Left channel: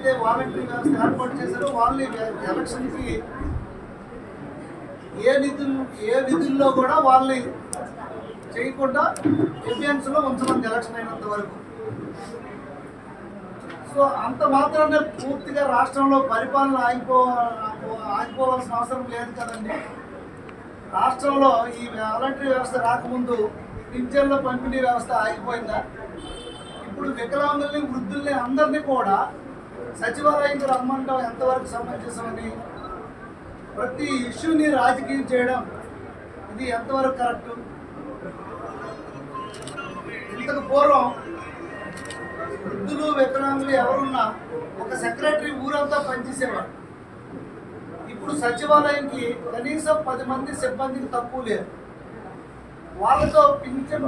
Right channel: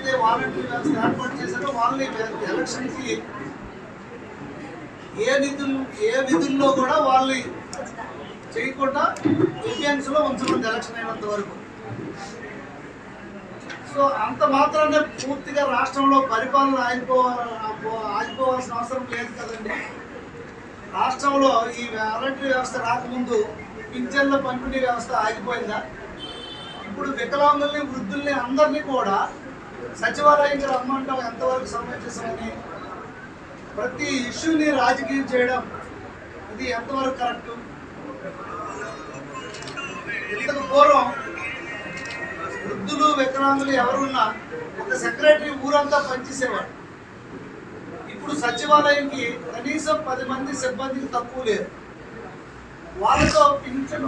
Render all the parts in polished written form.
ఎవరైతే వాలంటరీ వ్యవస్థ ఏర్పాటు చేశారో వాళ్ళని ఎలక్షన్కి ఏ విధుల్లో కూడా వాళ్ళని చేయకుండా ఎవియన్స్లో ఉంచమంది ఎలక్షన్ అయినంత వరకు. సో అంత మాత్రానే పూర్తిగా రాష్ట్రంలో పరిపాలన ఆగిపోవాల్సిన అవసరం లేదు కదండి. రాష్ట్రంలో ఈ వాలంటరీ వ్యవస్థ రాకముందు పింఛన్ల పంపిణీ వ్యవస్థ ఆగిపోయిందా? ఇప్పుడు వికలాంగుల్ని, వృద్ధుల్ని అందరినీ కూడా సచివాలయంకి రమ్మంటాం ఎంతవరకు సమంజసమని, ప్రతి ఇష్యూని రాజకీయం చేయడం ఇది ఎంతవరకు కరెక్టు? ఇంతకు పూర్వం వృద్ధులు, వికలాంగులు ఎవరున్నా ఒక సెక్రటరీ ఊరంతా పనిచేసేవాడు. ఇప్పుడు సచివాలయంకి కనీసం 10 మంది సిబ్బందికి తక్కువ లేదు. వాళ్ళతో పింఛన్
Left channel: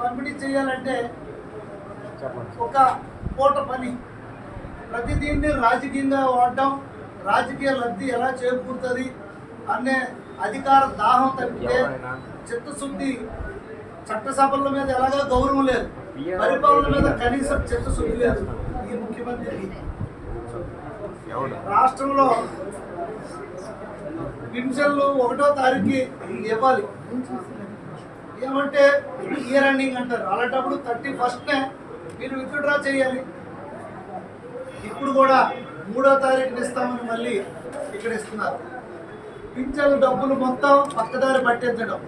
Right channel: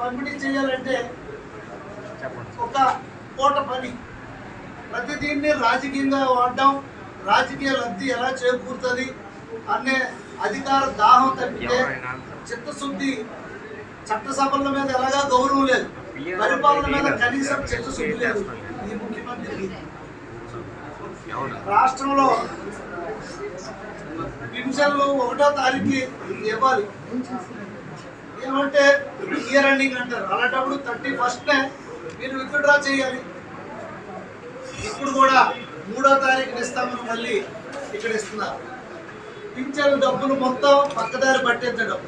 పంపిణీ చేయాలంటే ఒక పూట పని. ప్రతి దీన్ని రాజకీయంగా వాడడం, రాజకీయ లబ్ధి ఎలా చేకూరుతుంది అనే అధికార దాహం తప్పితే చిత్తశుద్ధి, చట్టసభల మీద ఎలాగా గౌరవం లేదు, పరిపాలన మీద కనీసం చిత్తశుద్ధి లేదు ఈ ముఖ్యమంత్రికి. రాష్ట్రంలో పింఛన్లు 1వ తారీఖు ఇవ్వాలి. ఏమంటే ఇయర్ ఎండింగ్ అంటారు. అలాంటప్పుడు 31నే మీరు విత్డ్రా చేయాలి. ఇప్పుడు కూడా 3వ తారీఖున ఇస్తామని మళ్ళీ ఇక్కడ ఇస్తున్నారు. పింఛన్ల డబ్బులు మొత్తం పక్కదారి పట్టించడం.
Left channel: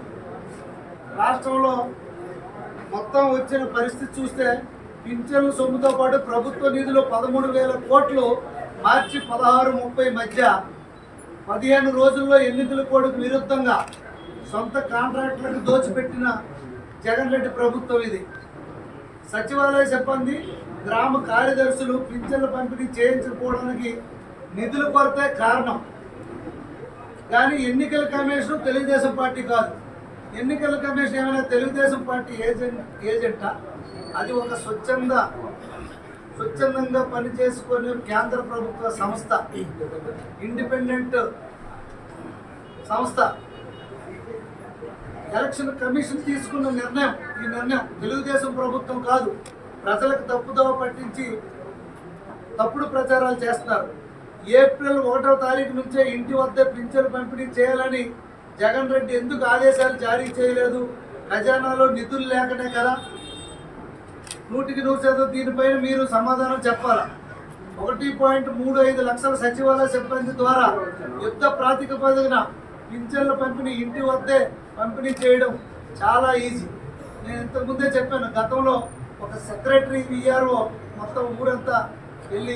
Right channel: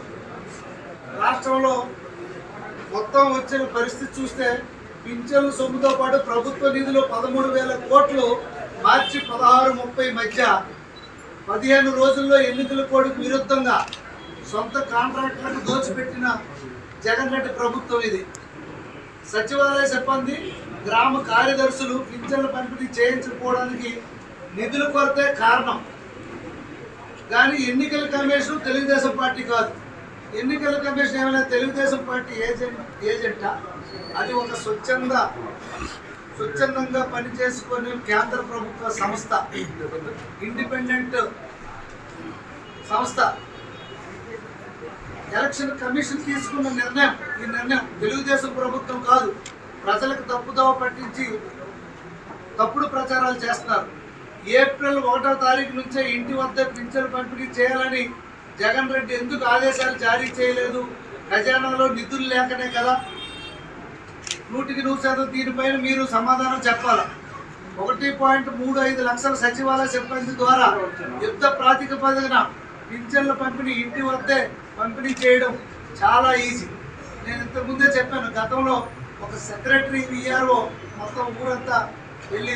రాష్ట్రంలో మొత్తం వచ్చిన పరిస్థితి చూస్తే పింఛన్ల సొమ్ముతో పాటు ప్రభుత్వ నిధులు 13,000 కోట్లు మార్చి 16-30 మధ్య 15 రోజుల్లో ఎన్నికల కోడ్కు విరుద్ధంగా సొంత కాంట్రాక్టులకు దోచిపెట్టిన జగన్ రెడ్డి ప్రభుత్వం ఇది. సచివాలయ సిబ్బంది, గ్రామ కార్యదర్శులు పింఛన్ల పంపిణీ చేయించకపోవడానికి నిధుల కొరతే కారణం. కానీ ఎన్నికల కమిషన్ తెలుగుదేశం పార్టీ కాదు. ఎన్నికల కమిషన్ ఏమైనా తెలుగుదేశం పార్టీ ఏజెంటా? అది ఒక స్వచ్ఛందంగా పనిచేసుకొని కేంద్ర ప్రభుత్వ సంస్థ, ఇండిపెండెంట్ సంస్థ. ఎలక్షన్ కమిషన్ తీసుకున్న నిర్ణయం, ఈ నిర్ణయం తెలుగుదేశం ప్రభుత్వం కాదు. ప్రజలకు తప్పుదోవ పట్టించి తప్పుడు ప్రచారాలు చేస్తున్నారు. ఏప్రిల్ 1వ తారీఖు నుంచే ఇంటి వద్ద పింఛన్లు పంపిణీ చేయాలని జగన్ రెడ్డి ఎందుకు ఆదేశాలు జారీ చేయలేదు? ఖజానాలో నిధులు లేకనే కదా. 100% దీనిపైన మీరు సమాధానం చెప్పాలా. 1.35 లక్షల సచివాలయ సిబ్బంది ద్వారా యుద్ధ ప్రాతిపదికన పింఛన్ల పంపిణీ ఇంటి వద్దే పంపిణీ చేయడం చాలా ఈజీ. నేను ఇంతకుముందే చెప్పాను, గతంలో ఒక సెక్రటరీ, విఆర్ఓ మొత్తం ఊరంతా వెళ్ళి